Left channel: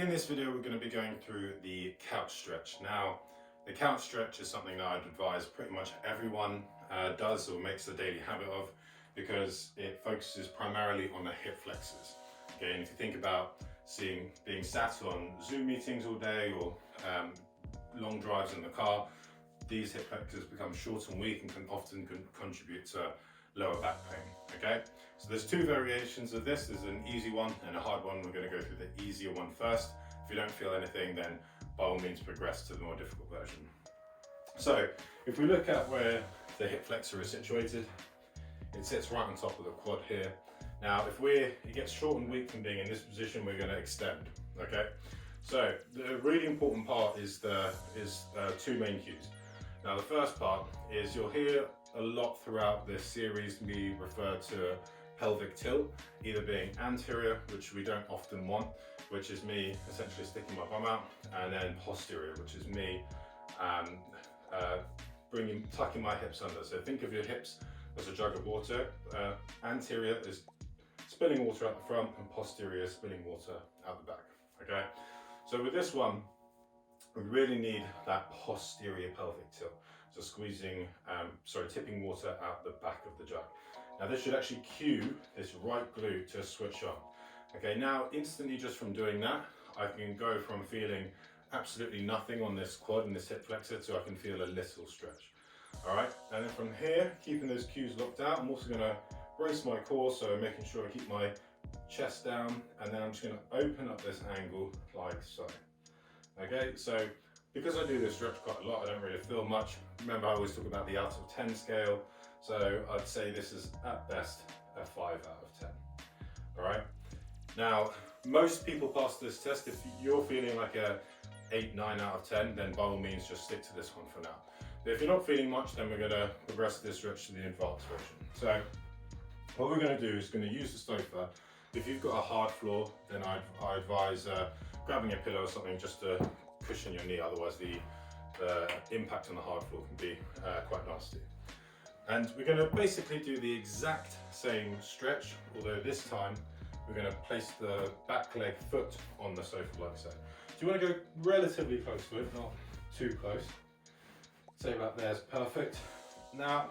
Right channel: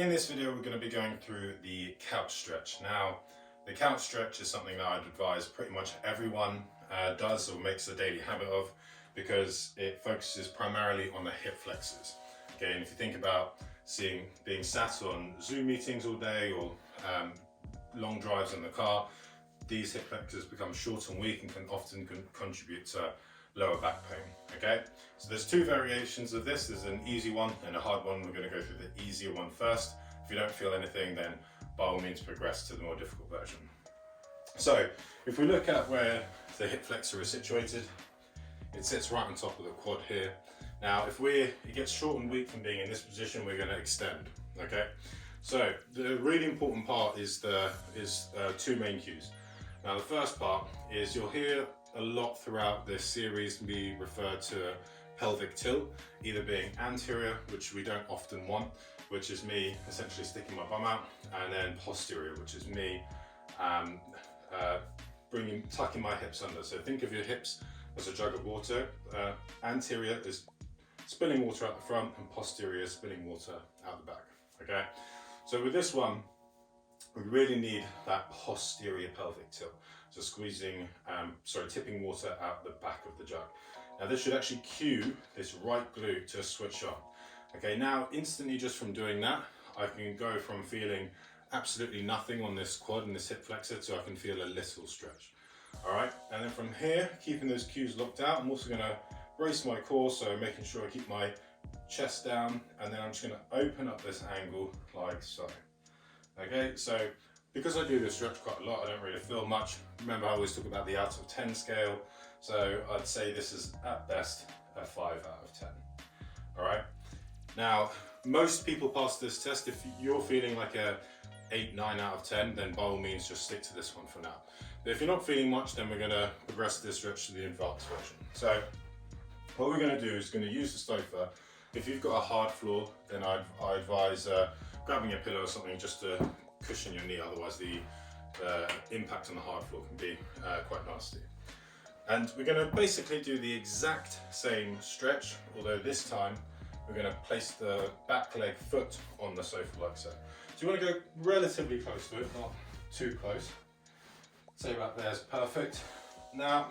In this video, we're going to be going through the couch stretch. Now, the couch stretch is something that I'd advise pretty much everyone does or makes a daily habit of, because it focuses primarily on the hip flexors. Okay, and if you think about being sat on Zoom meetings all day or long drives in the car, these hip flexors become short and weak and can often contribute to lower back pain. Okay, so there's two variations of this. There's an easy one and a hard one. We're going to go through the easier one first. If you don't feel anything, then by all means progress to the more difficult version. So if we look at where the hip flexor is situated, it sits right on top of the quad here. Now it gets short and weak from being in this position, we're going to extend. Okay, so the really important part is two main cues. Now the first part is you'll hear a lot throughout this series me refer to pelvic tilt, either being anterior, which we don't often want, which is me essentially sticking my bum out, and then posterior, which is me tucking my hips under. So think of your hips as a jug of water. Anterior is spilling water out the front, and posterior is spilling water out the back. Okay, so with this one, we really need that posterior pelvic tilt. So tipping water out the back of the jug. Now this should actually cue this right glute to switch on. Okay, now instantly just from doing that, I can go from feeling absolutely nothing on this quad and this hip flexor to I can feel a little stretch. All right, and then from here, keeping those cues locked out, I'm also gonna brace my core, so making sure I keep my chest down, and then I'm just gonna open up this angle like so. Okay, so because I do this stretch quite a lot, I don't really feel much. Remember, I always talk about the out of 10 scale. So I'd say this is at best a 5 out of 10. All right. Now, most people pass this test. If you're feeling like a 8, 9 out of 10, then by all means just stick to this one for now. But if you're not feeling much, then we're gonna progress this stretch to the advanced version. So what we're gonna do is gonna use the sofa. If you've got a hard floor, then I advise grabbing a pillow or something just to cushion your knee, otherwise the impact on the hard floor can be quite nasty. And we're going to basically do the exact same stretch, although this time we're going to place the back leg foot on the sofa like so. So you want to go relatively close to it, not too close. Say about there is perfect. Now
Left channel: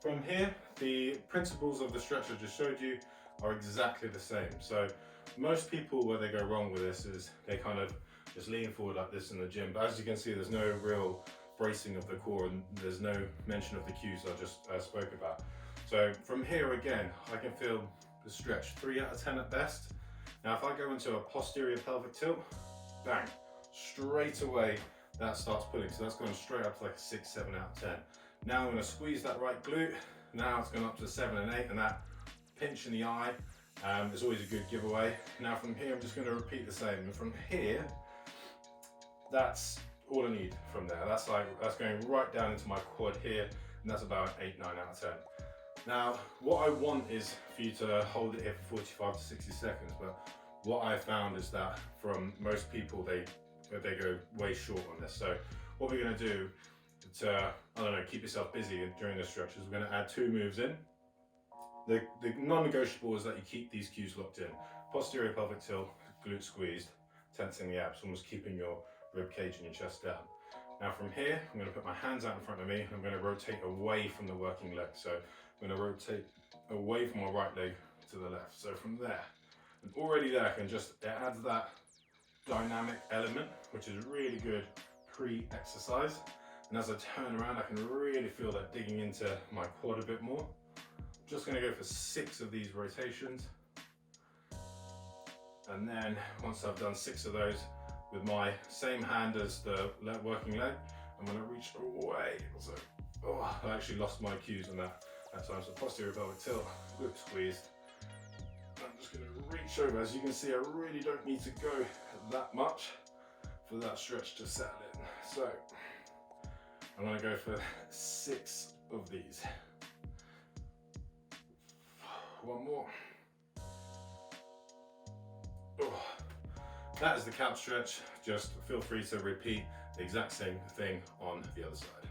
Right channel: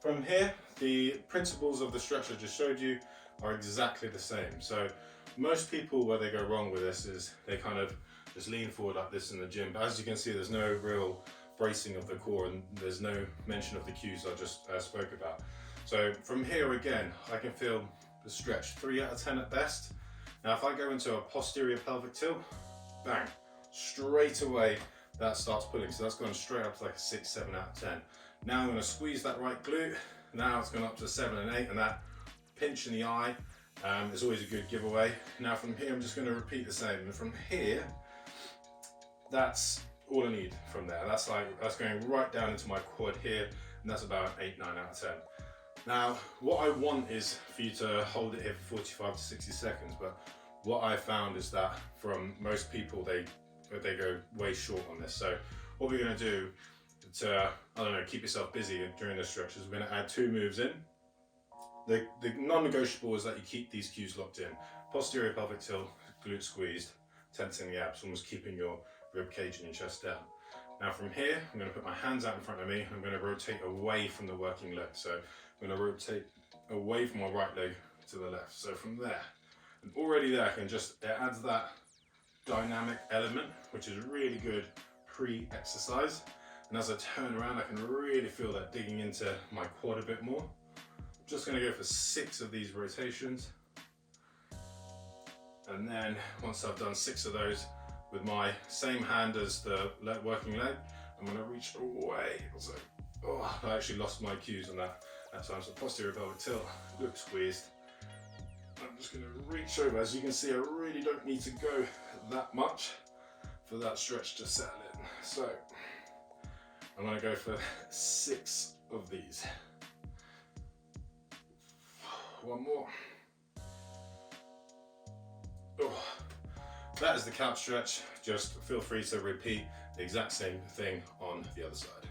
from here, the principles of the stretch I just showed you are exactly the same. So most people, where they go wrong with this is they kind of just lean forward like this in the gym, but as you can see, there's no real bracing of the core and there's no mention of the cues I just spoke about. So from here again, I can feel the stretch, 3 out of 10 at best. Now if I go into a posterior pelvic tilt, bang, straight away that starts pulling. So that's going straight up to like a 6, 7 out of 10. Now I'm going to squeeze that right glute. Now it's gone up to 7 and 8, and that pinch in the eye is always a good giveaway. Now from here, I'm just going to repeat the same. And from here, that's all I need from there. That's going right down into my quad here, and that's about 8, 9 out of 10. Now, what I want is for you to hold it here for 45 to 60 seconds, but what I found is that from most people, they go way short on this. So what we're going to do to, keep yourself busy during this stretch is we're going to add 2 moves in. The non-negotiable is that you keep these cues locked in. Posterior pelvic tilt, glute squeezed, tensing the abs, almost keeping your rib cage and your chest down. Now from here, I'm going to put my hands out in front of me, and I'm going to rotate away from the working leg. So I'm going to rotate away from my right leg to the left. So from there, and already there, it adds that dynamic element, which is really good pre-exercise. And as I turn around, I can really feel that digging into my quad a bit more. I'm just going to go for 6 of these rotations. And then once I've done 6 of those, with my same hand as the working leg, I'm going to reach away. So, I actually lost my cues on that time. So posterior pelvic tilt, glute squeezed. I'm just going to reach over. As you can see, I really don't need to go that much for that stretch to settle in. So I'm going to go for 6 of these. 1 more. That is the couch stretch. Just feel free to repeat the exact same thing on the other side.